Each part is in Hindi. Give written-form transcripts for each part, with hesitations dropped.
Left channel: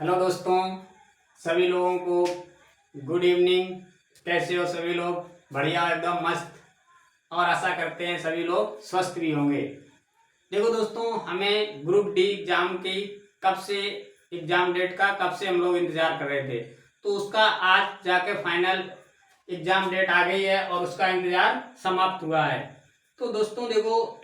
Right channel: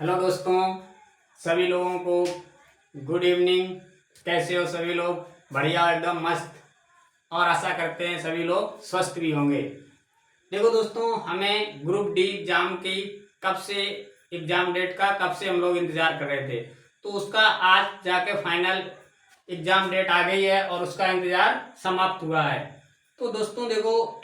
हेलो दोस्तों, सभी लोगों को गुड इवनिंग। कैसे हो सभी लोग? बढ़िया, एकदम मस्त। और आशा करते हैं सभी लोग स्वस्थ भी होंगे। देखो दोस्तों, हमें ग्रुप डी एग्जाम की कब से एग्जाम डेट का कब से हम लोग इंतजार कर रहे थे, तो उसका आज जाके फाइनल एग्जाम डेट आ गई है और उसका इंतजार समाप्त हुआ है। तो दोस्तों देखो,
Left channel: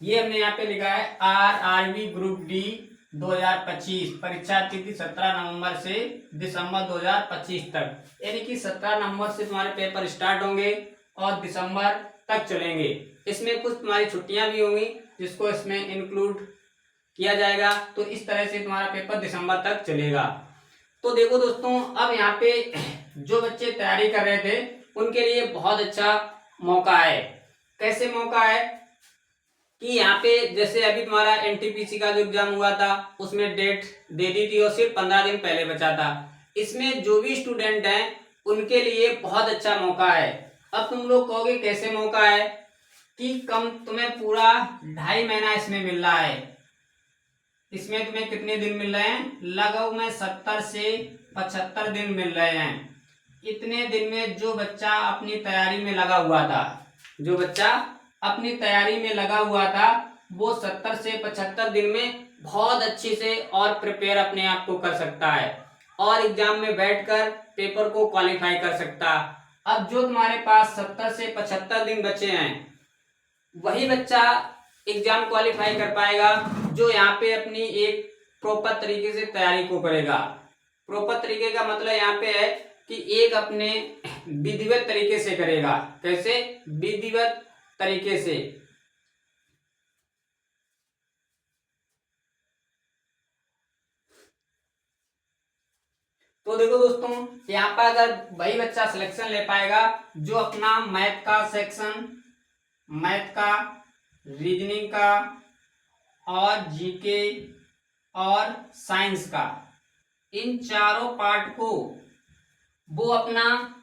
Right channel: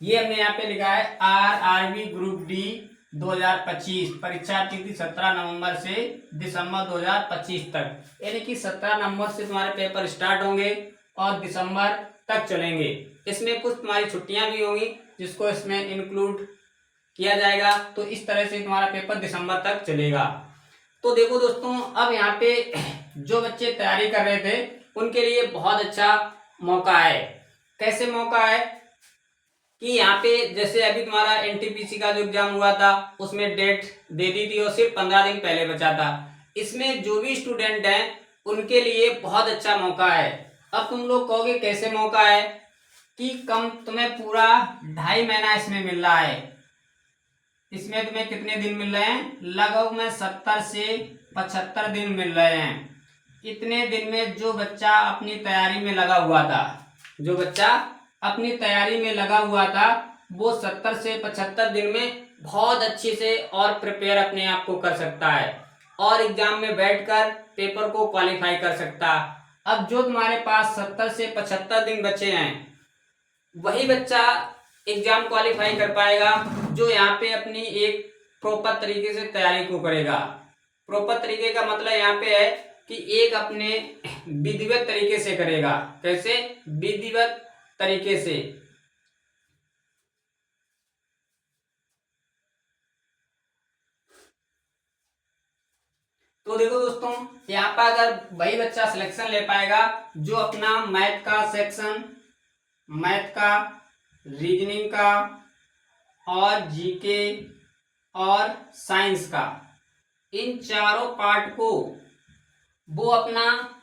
ये हमने यहाँ पे लिखा है RRB ग्रुप डी 2025 परीक्षा तिथि 17 नवंबर से दिसंबर 2025 तक, यानी कि 17 नवंबर से तुम्हारे पेपर स्टार्ट होंगे और दिसंबर तक चलेंगे। इसमें कुछ तुम्हारी छुट्टियां भी होंगी जिसको इसमें इंक्लूड किया जाएगा। तो इस तरह से तुम्हारा पेपर दिसंबर तक चलेगा। तो देखो दोस्तों, अब यहाँ पे जो बच्चे तैयारी कर रहे थे उनके लिए बहुत अच्छा मौका है। कैसे मौका है कि यहाँ पे जैसे अभी तुम्हारा एनटीपीसी का जो एग्जाम हुआ था उसमें डेट दे दी थी और सिर्फ 15 दिन पहले बचा था। इसमें जो भी स्टूडेंट हैं उनके लिए बहुत अच्छा मौका है। अब तुम लोग कहोगे कैसे मौका है कि कम तुम्हें पूरा 2.5 महीना इसमें मिल रहा है। इसमें तुम्हें कितने दिन मिल रहे हैं? लगभग में 70 से 75 दिन मिल रहे हैं। इतने दिन में जो बच्चा अपनी तैयारी में लगा हुआ था, वो 70 से 75 दिन में बहुत अच्छे से और प्रिपेयर अपने आप को कर सकता है और एग्जाम में बैठकर पेपर को क्वालिफाई कर सकता। अब जो तुम्हारे पास 70 से 75 दिन बचे हैं वही बच्चा एग्जाम क्वालिफाई कर पाएगा जो यहाँ पे अपनी एक प्रॉपर तरीके से तैयारी को करेगा। प्रॉपर तरीके का मतलब यहाँ पे है कि एक अपने विधिवत तरीके से करेगा। कैसे? विधिवत तरीके से। तो देखो दोस्तों, यहाँ पर अगर वही बच्चा सिलेक्शन ले पाएगा जो अपना मैथ का सेक्शन, मैथ का, रीजनिंग का और जीके और साइंस का, इन चारों पार्ट को वो अपना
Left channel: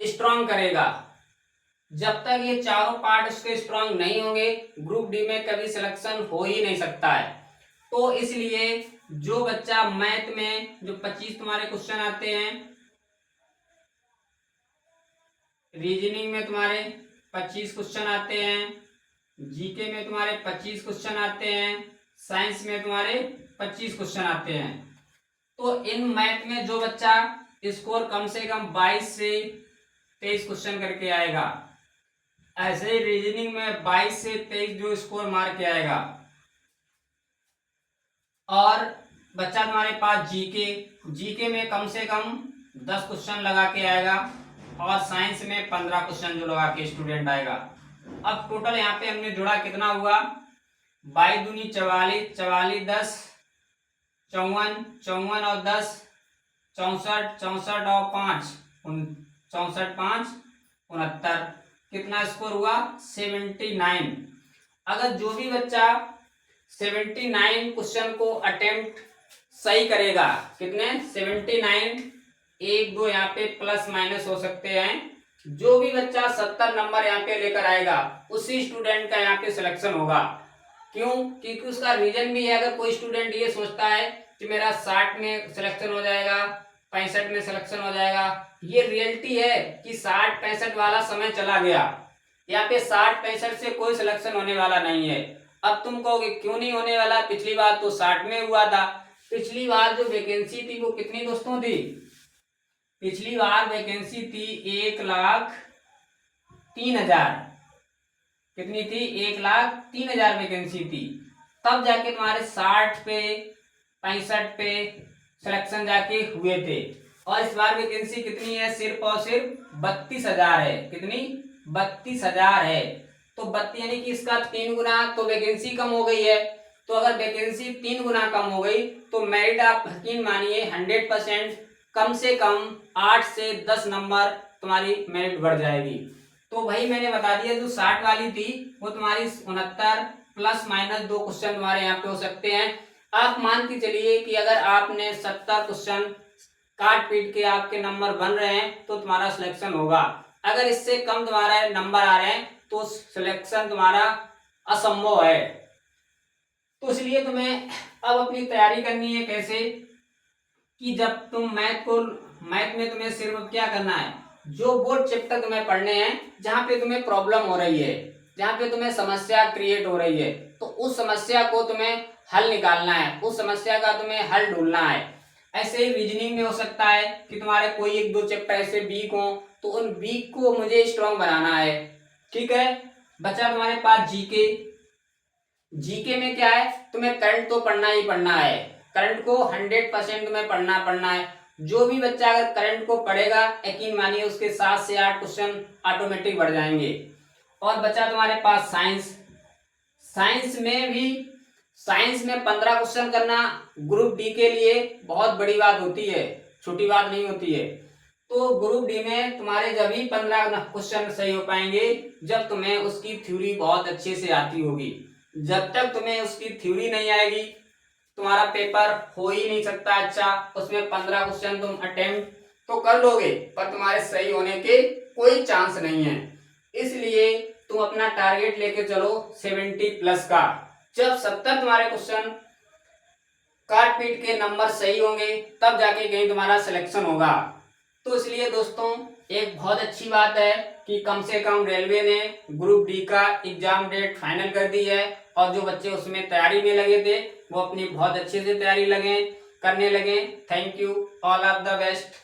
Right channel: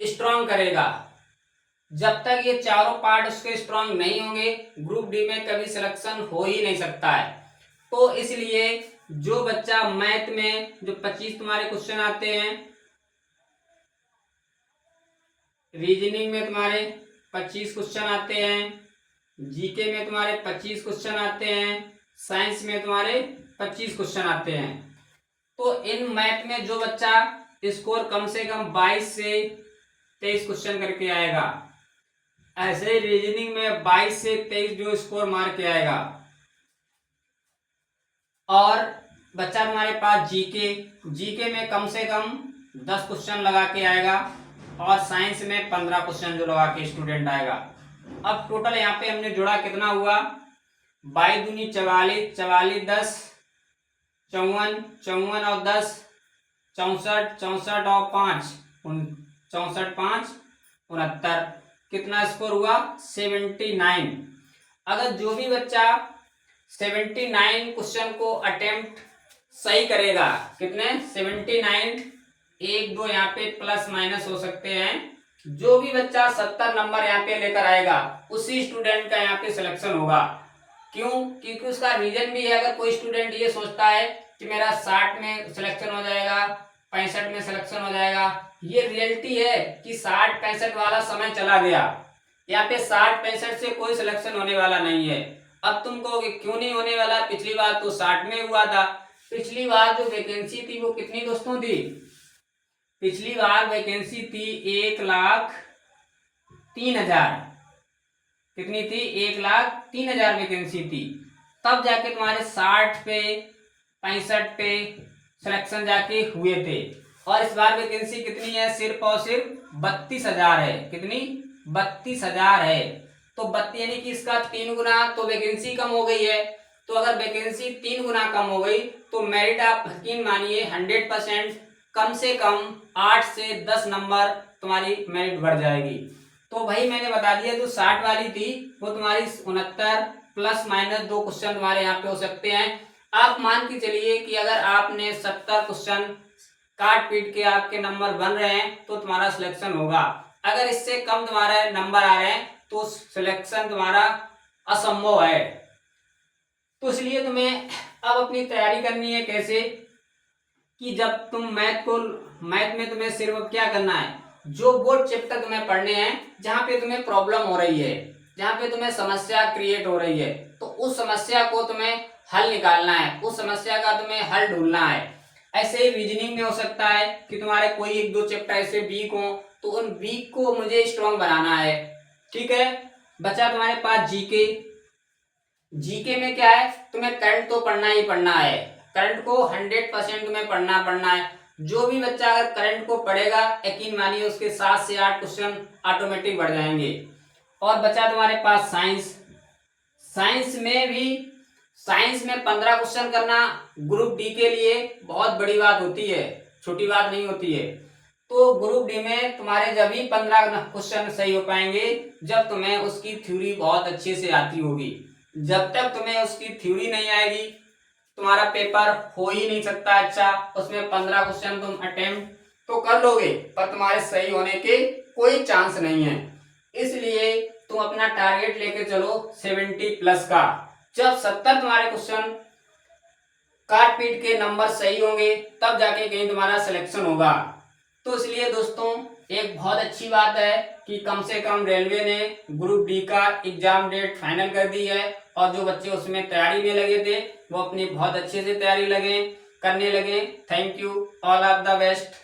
स्ट्रांग करेगा। जब तक ये चारों पार्ट उसके स्ट्रांग नहीं होंगे ग्रुप डी में कभी सिलेक्शन हो ही नहीं सकता है। तो इसलिए जो बच्चा मैथ में जो 25 तुम्हारे क्वेश्चन आते हैं, रीजनिंग में तुम्हारे 25 क्वेश्चन आते हैं, जीके में तुम्हारे 25 क्वेश्चन आते हैं, साइंस में तुम्हारे 25 क्वेश्चन आते हैं। तो इन मैथ में जो बच्चा स्कोर कम से कम 22 से 23 क्वेश्चन करके आएगा, ऐसे ही रीजनिंग में 22 से 23 जो स्कोर मार के आएगा, और बच्चा तुम्हारे पास जीके में कम से कम 10 क्वेश्चन लगा के आएगा और साइंस में 15 क्वेश्चन जो लगा के स्टूडेंट आएगा। अब टोटल यहाँ पे हमने जोड़ा कितना हुआ? 22 दूनी 44, 44 10, 54, 54 और 10 64, 64 और 5 64, 5 69। कितना स्कोर हुआ? 79। अगर जो भी बच्चा 79 क्वेश्चन को अटेम्प्ट सही करेगा, कितने? 79, 1 2 यहाँ पे प्लस माइनस हो सकते हैं, जो भी बच्चा 70 नंबर यहाँ पे लेकर आएगा उसी स्टूडेंट का यहाँ पे सिलेक्शन होगा। क्यों? क्योंकि उसका रीजन भी है। अगर कोई स्टूडेंट ये सोचता है कि मेरा 60 में सिलेक्शन हो जाएगा, 65 में सिलेक्शन हो जाएगा, ये रियलिटी है कि 60-65 वाला समय चला गया। यहाँ पे 60-65 से कोई सिलेक्शन होने वाला नहीं है। अब तुम कहोगे क्यों नहीं होने वाला? पिछली बार तो 60 में हुआ था। पिछली बार जो वैकेंसी थी वो कितनी दोस्तों थी? पिछली बार वैकेंसी थी 1,03,000। कितनी थी? 1,03,000 वैकेंसी थी। तब जाके तुम्हारे 60 पे 65 पे सिलेक्शन जाके हुए थे। और इस बार वैकेंसी कितनी है? सिर्फ और सिर्फ 32,000 है। कितनी? 32,000 है। तो 32 यानी कि इसका 3 गुना तो वैकेंसी कम हो गई है। तो अगर वैकेंसी 3 गुना कम हो गई तो मेरिट आप यकीन मानिए 100% कम से कम 8 से 10 नंबर तुम्हारी मेरिट बढ़ जाएगी। तो वही मैंने बता दिया, जो 60 वाली थी वो तुम्हारी 69 प्लस माइनस 2 क्वेश्चन तुम्हारे यहाँ पे हो सकते हैं। आप मान के चलिए कि अगर आपने 70 क्वेश्चन काट पीट के आपके नंबर बन रहे हैं तो तुम्हारा सिलेक्शन होगा। अगर इससे कम तुम्हारे नंबर आ रहे हैं तो सिलेक्शन तुम्हारा असंभव है। तो इसलिए तुम्हें अब अपनी तैयारी करनी है कैसे, कि जब तुम मैथ में तुम्हें सिर्फ क्या करना है, जो बोर्ड चैप्टर तुम्हें पढ़ने हैं, जहाँ पे तुम्हें प्रॉब्लम हो रही है, जहाँ पे तुम्हें समस्या क्रिएट हो रही है, तो उस समस्या को तुम्हें हल निकालना है, उस समस्या का तुम्हें हल ढूंढना है। ऐसे ही रीजनिंग में हो सकता है कि तुम्हारे कोई एक दो चैप्टर ऐसे वीक हो, तो उन वीक को मुझे स्ट्रॉन्ग बनाना है। ठीक है, बचा तुम्हारे पास जीके। जीके में क्या है, तुम्हें करंट तो पढ़ना ही पढ़ना है, करंट को 100% तुम्हें पढ़ना है। जो भी बच्चा अगर करंट को पढ़ेगा, यकीन मानिए उसके 7 से 8 क्वेश्चन ऑटोमेटिक बढ़ जाएंगे। और बचा तुम्हारे पास साइंस। साइंस में 15 क्वेश्चन करना ग्रुप डी के लिए बहुत बड़ी बात होती है, छोटी बात नहीं होती है। तो ग्रुप डी में तुम्हारे जब ही 15 क्वेश्चन सही हो पाएंगे जब तुम्हें उसकी थ्योरी बहुत अच्छे से आती होगी। जब तक तुम्हें उसकी थ्योरी नहीं आएगी, तुम्हारा पेपर हो ही नहीं सकता अच्छा। उसमें 15 क्वेश्चन तुम अटेम्प्ट तो कर लोगे, पर तुम्हारे सही होने के कोई चांस नहीं है। इसलिए तुम अपना टारगेट लेके चलो 70+ का। जब 70 तुम्हारे क्वेश्चन काट पीट के नंबर सही होंगे, तब जाके कहीं तुम्हारा सिलेक्शन होगा। तो इसलिए दोस्तों, एक बहुत अच्छी बात है कि कम से कम रेलवे ने ग्रुप डी का एग्जाम डेट फाइनल कर दी है, और जो बच्चे उसमें तैयारी में लगे थे वो अपनी बहुत अच्छे से तैयारी करने लगे। Thank you, all of the best.